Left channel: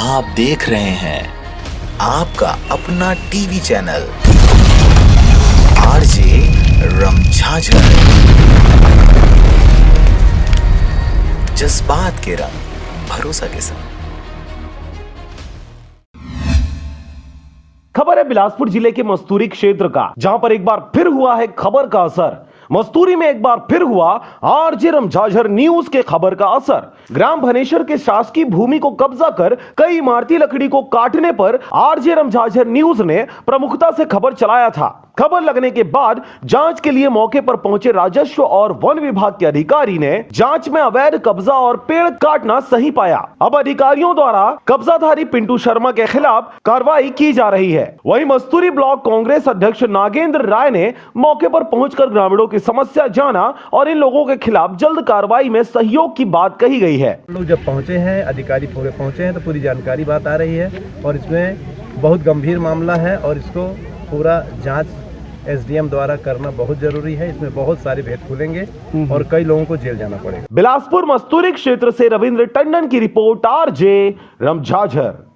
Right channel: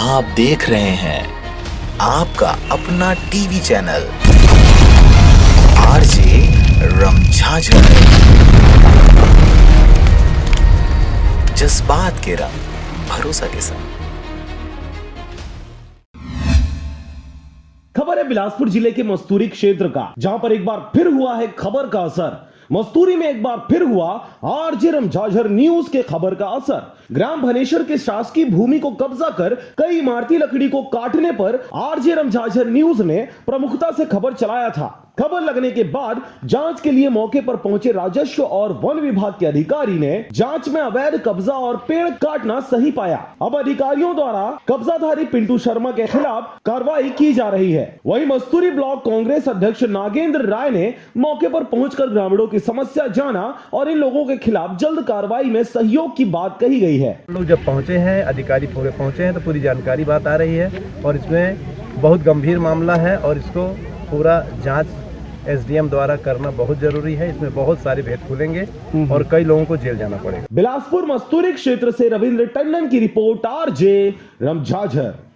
आप देख रहे हैं आपका अपना टीवी चैनल आरजे रमझाझर। जज्बात के रंग भरोसा के संग। खबर है बिलासपुर जिले के मस्तूरी क्षेत्र का, जहां पर एक बार फिर हुआ है खबर का असर। मस्तूरी में एक बार फिर हुआ आरजे रमझाझर न्यूज के खबर का असर। ग्राम भनेश्वर के शासकीय भूमि को कब्जा कर कई इमारती लकड़ी को काटने पर आरजे रमझाझर न्यूज ने प्रमुखता से खबर चलाया था। खबर लगने के बाद जांच के लिए मौके पर पहुंचे राजस्व और वन विभाग के अधिकारी ने जांच में अवैध कब्जा और पेड़ काटना सही पाया। अब अधिकारियों द्वारा कब्जाधारी पिंटू शर्मा के खिलाफ कार्रवाई की जा रही है। वहीं मस्तूरी ब्लॉक कांग्रेस अध्यक्ष नागेंद्र राय ने मौके पर पहुंचकर ग्रामीणों की समस्या जाना और इन लोगों के खिलाफ जल्द कार्रवाई में सहयोग की बात कही गई है। लोग जब पहुंचे हैं, अधिकारी पूरे पहुंचे हैं, तो पूरी जानकारी बात आ रही है और इसमें बहुत गंभीर मामला है और इसको पूरा जांच एसडीएम द्वारा करना बहुत जरूरी है। इसमें बहुत सारे भेद खुलेंगे और कई लोगों को जेल जाना पड़ेगा। बिलासपुर मस्तूरी क्षेत्र से रविंद्र टंडन की रिपोर्ट आरजे रमझाझर।